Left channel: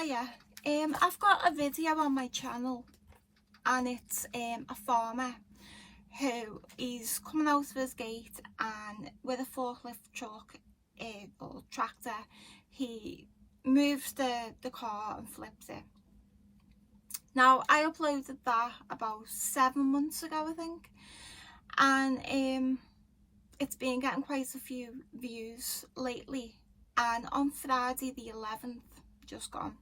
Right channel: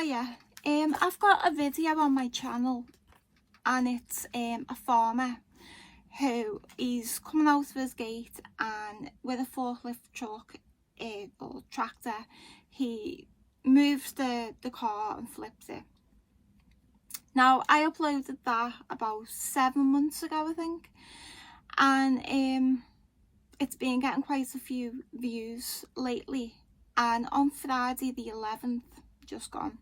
Hiya, I've got a video on my channel and it's a farmer who is coming out of his gate and with a forklift truck or tractor he moves the car and flips it. Now I uploaded that about 7 months ago I think, and it's been getting quite a few views lately, and on Friday the 11th just gone,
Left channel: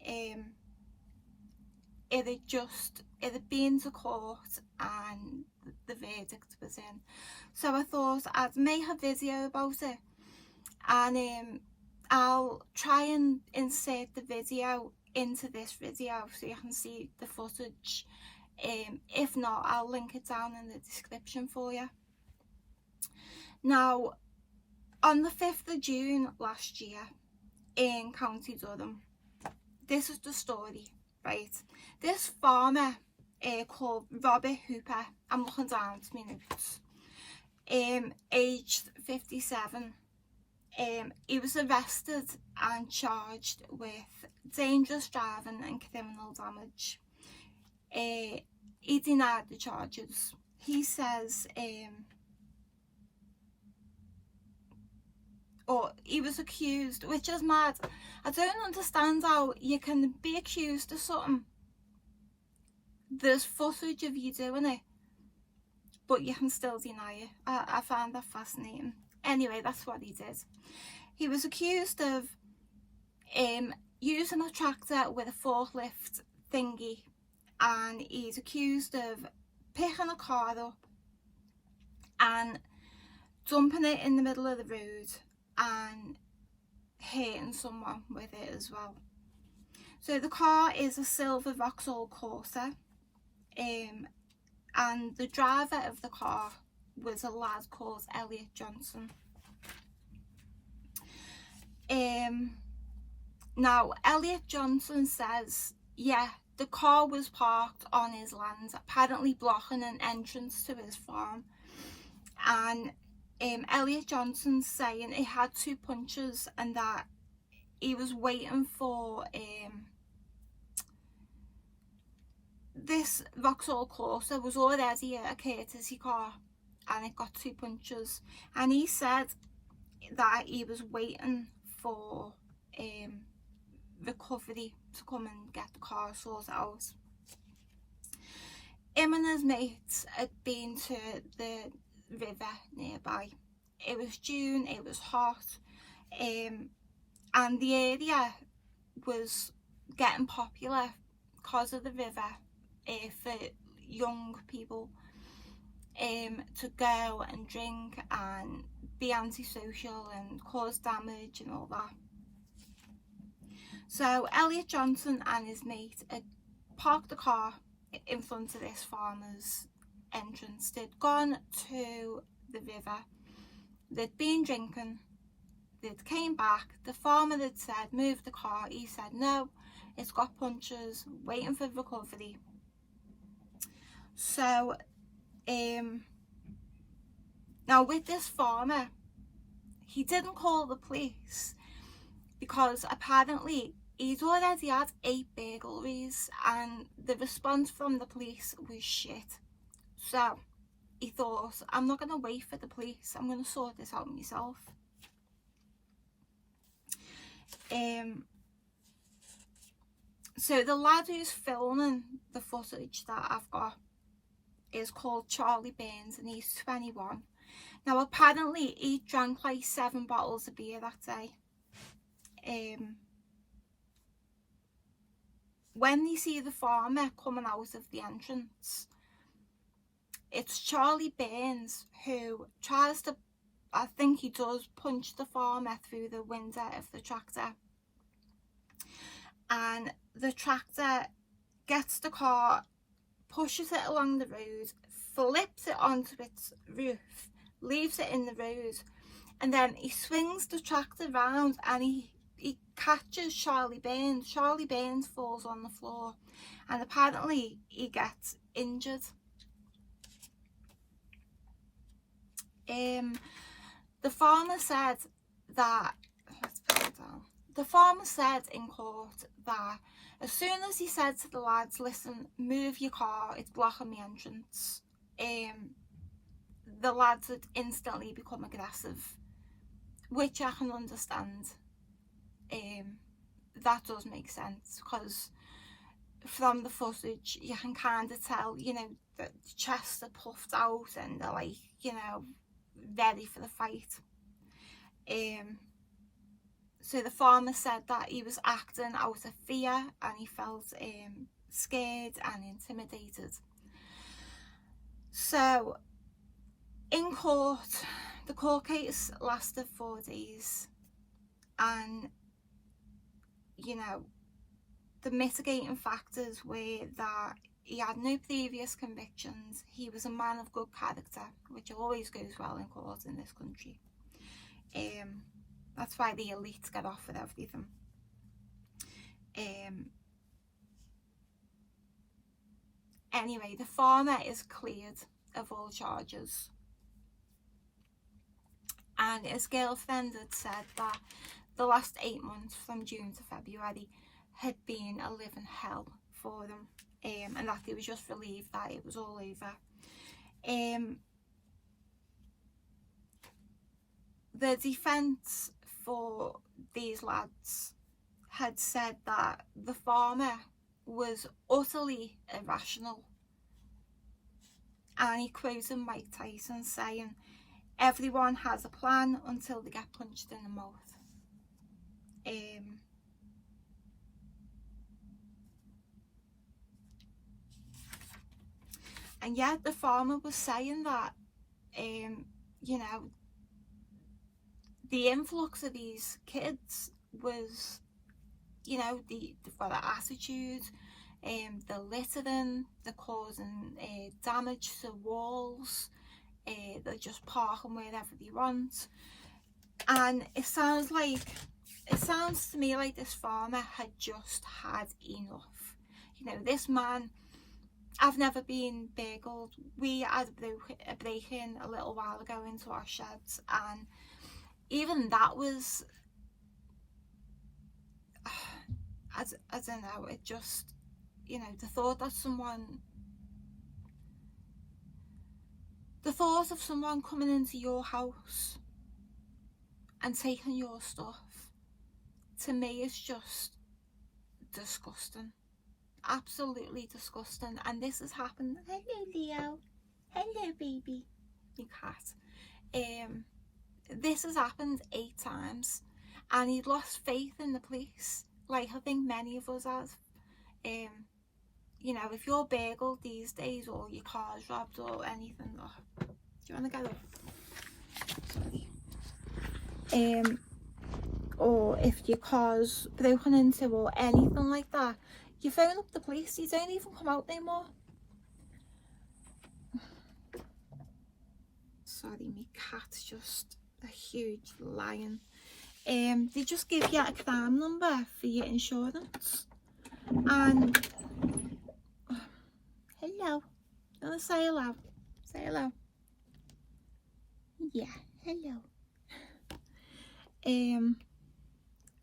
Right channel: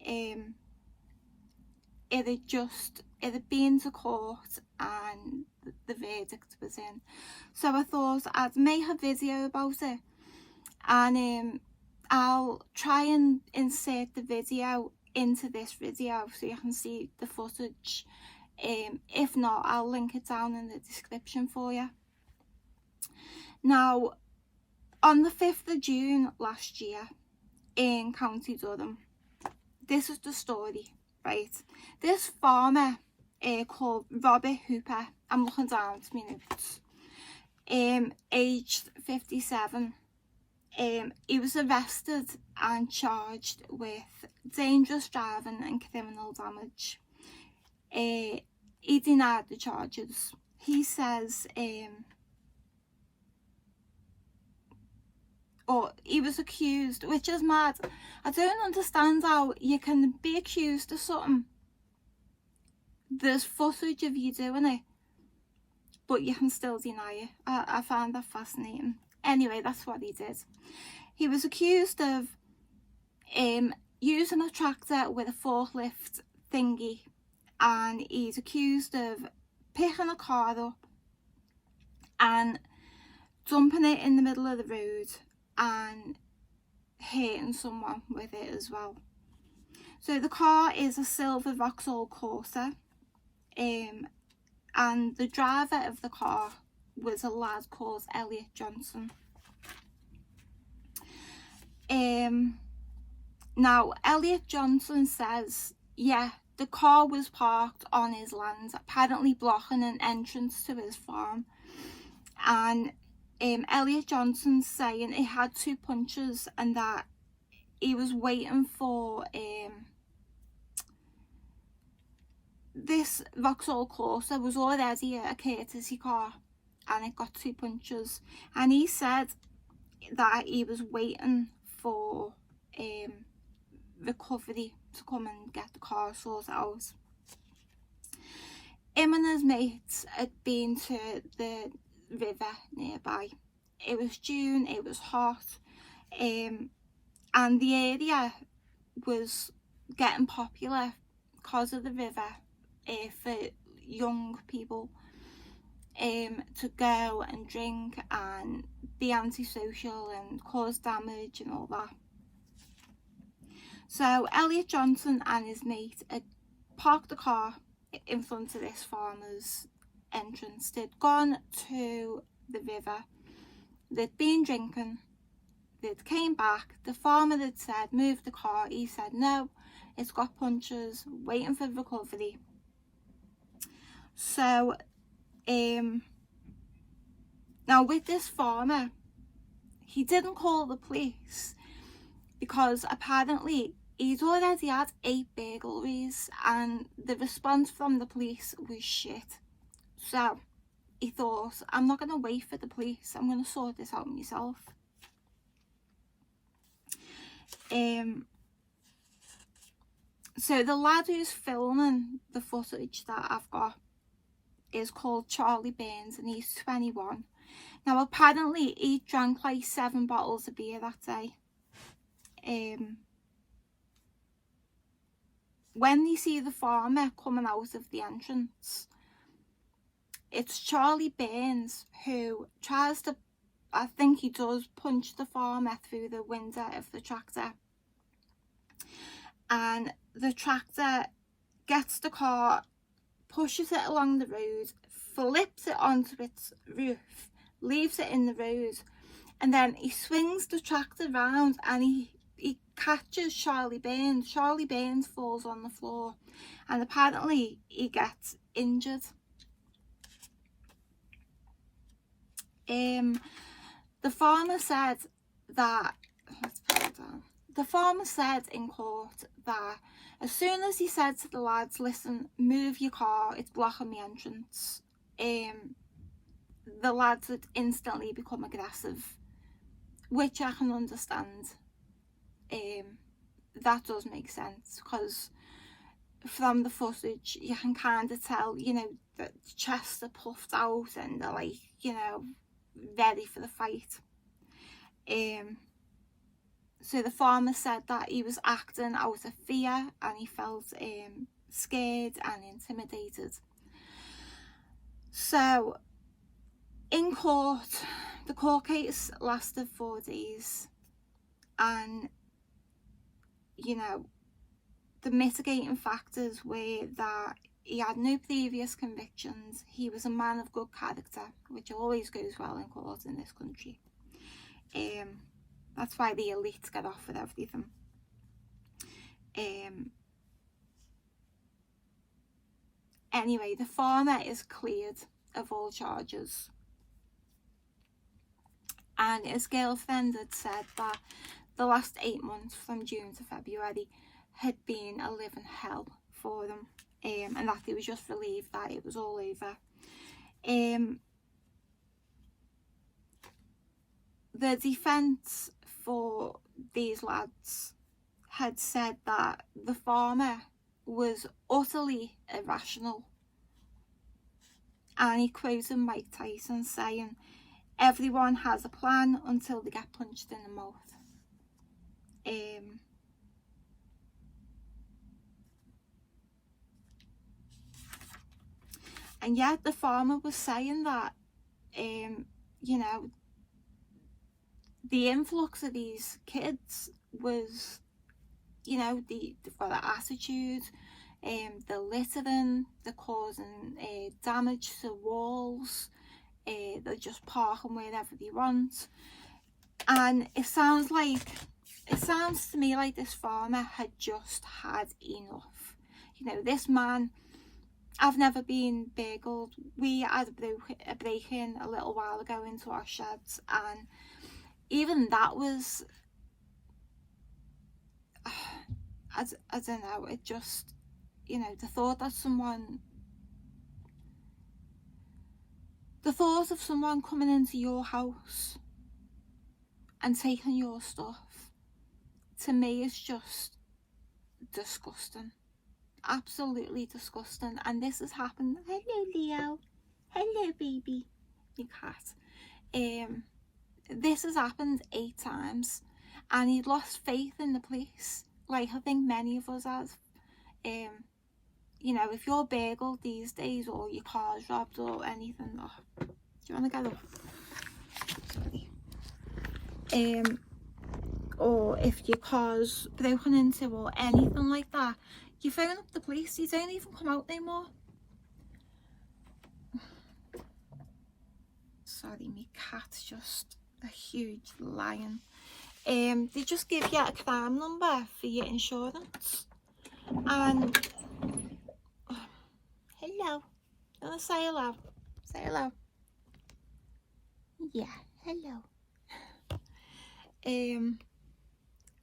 it had been to court and the verdict was in, so I thought I'd make a video about it, and I'll try and insert the video into this video so you can see the footage. If not, I'll link it down in the description for you. Now, on the 5th of June last year in County Durham, this is the story, right? This farmer called Robert Hooper, I'm looking down to my notes, aged 57, he was arrested and charged with dangerous driving and criminal damage. He denied the charges. He says or he was accused, which is mad. I don't understand how you can be accused of something, there's footage of you doing it, but you can still deny it. I find that fascinating. Anyway, that's what he did. He was accused of using a tractor with a forklift thingy, and he's accused of picking a car up and dumping it in the middle of the road and hitting someone with it as well. So the car is a silver Vauxhall Corsa, and the driver of the car was a lad called Elliot Johnson. Now Elliot Johnson says, yeah, the car was parked on his land, apparently blocking an entrance to his farm, and Elliot Johnson's saying he had 2 punches and that he was waiting for this Vauxhall Corsa was already a courtesy car and it got 2 punches, and he said that he was waiting for recovery to come and get the car sorted out. Him and his mates had been to the river nearby. It was June, it was hot, and the area was getting popular because of the river for young people to go and drink and be antisocial and cause damage and all that. So Elliot Johnson and his mate had parked the car in front of this farmer's entrance. They'd gone to the river, they'd been drinking, they'd came back, the farmer had said move the car, he said no, it's got punches, waiting for recovery. So now with this farmer, he didn't call the police because apparently he'd already had 8 burglaries and the response from the police was shit. So he thought, I'm not going to wait for the police, I'm going to sort this out myself. So the lad who's filming the footage that I've got is called Charlie Burns and he's 21. Now apparently he drank like 7 bottles of beer that day. When you see the farmer coming out of the entrance, it's Charlie Burns who tries to, I think he does, punch the farmer through the window of the tractor, and the tractor gets the car, pushes it along the road, flips it onto its roof, leaves it in the road, and then he swings the tractor round and he catches Charlie Burns. Charlie Burns falls on the floor and apparently he gets injured. The farmer said that, let's put it down. The farmer said in court that as soon as he said to the lads, listen, move your car, it's blocking the entrance, the lads had instantly become aggressive, which I can understand. That does make sense, because from the footage you can kind of tell, you know, that the chests are puffed out and they're like, you know, ready for the fight. So the farmer said that he was acting out of fear and he felt scared and intimidated. So in court, the court case lasted 4 days, and you know, the mitigating factors were that he had no previous convictions, he was a man of good character, which always goes well in court in this country. That's why the elite get off with everything. Anyway, the farmer is cleared of all charges, and his girlfriend had said that the last 8 months from June to February had been a living hell for them, and that he was just relieved that it was all over. The defence for these lads had said that the farmer was utterly irrational, and he quoted Mike Tyson saying, everyone has a plan until they get punched in the mouth. And yet the farmer was saying that, you know, the influx of these kids was, you know, they've got the attitude, they're littering, they're causing damage to walls, they're just parking wherever they want. And it sounds to me like this farmer had just had enough. You know, this man, I've never been burgled. We had a break-in a little while ago into our sheds, and even that was, I don't know, it just, you know, the thought of someone coming into your house and taking your stuff, to me is just disgusting. Absolutely disgusting. And this has happened. Hello, Leo. Hello, baby. Your cat. This has happened 8 times, and he'd lost faith in the police, like I think many of us have. You know, if you're burgled these days, or your car's robbed or anything, do you want to get up? Sorry. Or if your car's broken into or anything like that, you phone up the police. You don't even come out anymore. Sorry, my cat's just a huge lion. They just give you a crime number for your insurance. And hello. You want to say hello? Say hello. Yeah, hello.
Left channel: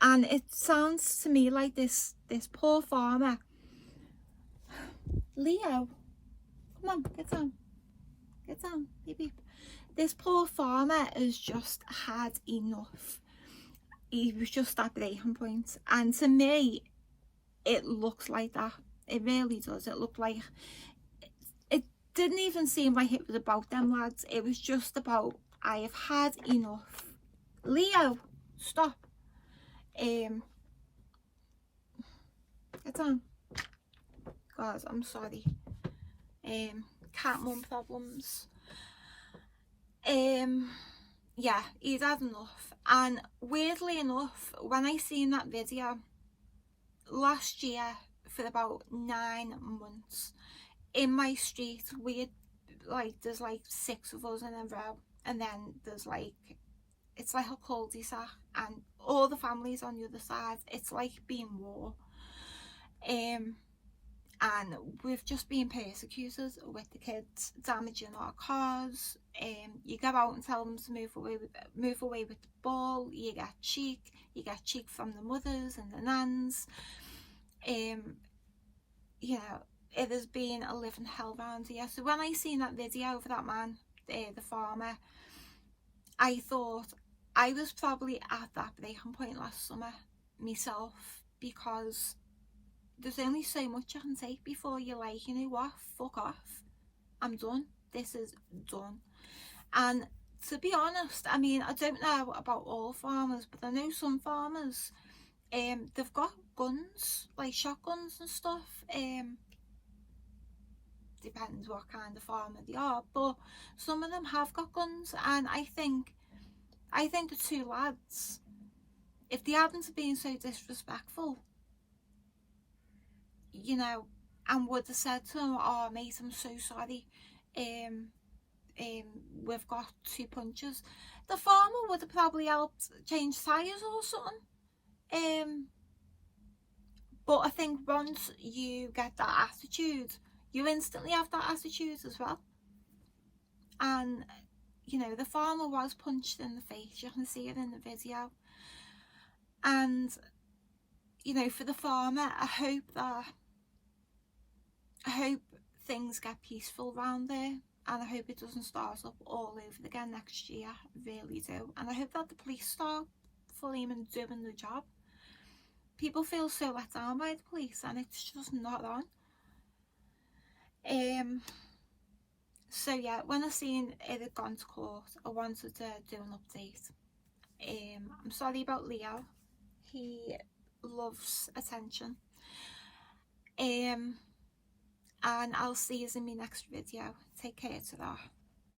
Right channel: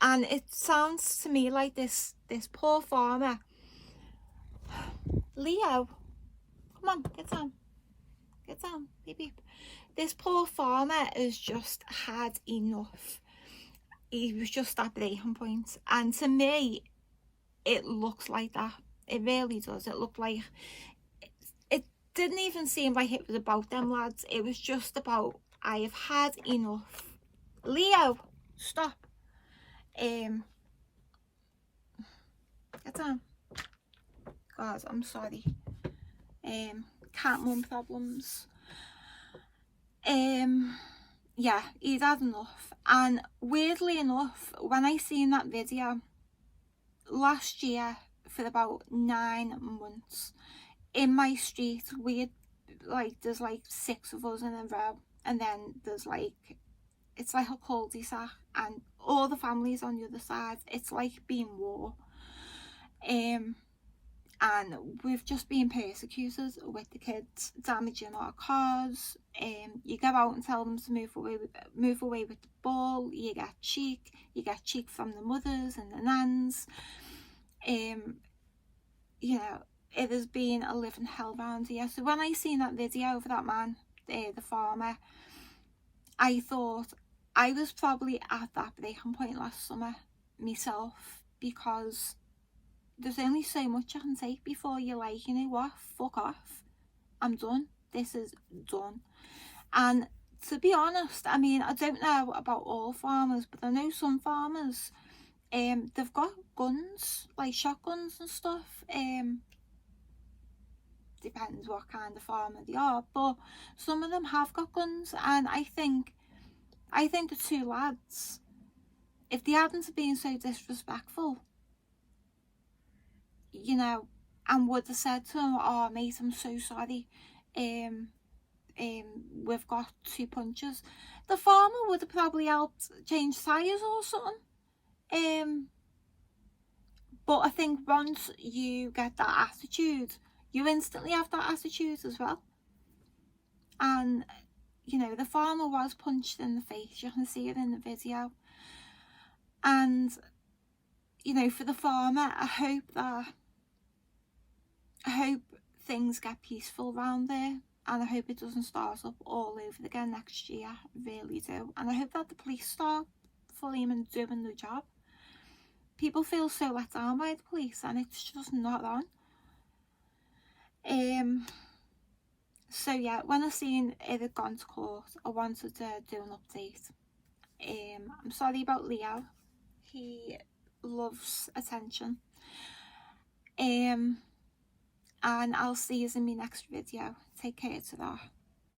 And it sounds to me like this poor farmer. Leo, come on, get down, beep beep. This poor farmer has just had enough. He was just at breaking point, and to me it looks like that. It really does. It looked like, it didn't even seem like it was about them lads. It was just about, I have had enough. Leo, stop. Get down. God, I'm sorry. Cat mum problems. Yeah, he'd had enough. And weirdly enough, when I seen that video last year, for about 9 months, in my street, there's like 6 of us in a row, and then there's like, it's like a cul-de-sac, and all the families on the other side. It's like being war. And we've just been persecuted with the kids, damaging our cars. You go out and tell them to move away with the ball, you get cheek from the mothers and the nans. You know, it has been a living hell around here. So when I seen that video of that man, the farmer, I thought I was probably at that breaking point last summer myself, because there's only so much you can take before you're like, you know what, fuck off, I'm done, this is done. And to be honest, I mean, I don't know about all farmers, but I know some farmers, they've got guns, like shotguns and stuff. Depends what kind of farmer they are, but some of them have got guns. And I think the two lads, if they hadn't been so disrespectful, you know, and would have said to him, oh mate, I'm so sorry, we've got 2 punches, the farmer would have probably helped change tyres or something. But I think once you get that attitude, you instantly have that attitude as well. And you know, the farmer was punched in the face, you can see it in the video. And you know, for the farmer, I hope things get peaceful around there, and I hope it doesn't start up all over again next year. I really do. And I hope that the police start fully and doing the job. People feel so let down by the police, and it's just not on. So yeah, when I seen it had gone to court, I wanted to do an update. I'm sorry about Leo, he loves attention. And I'll see you in my next video. Take care to that.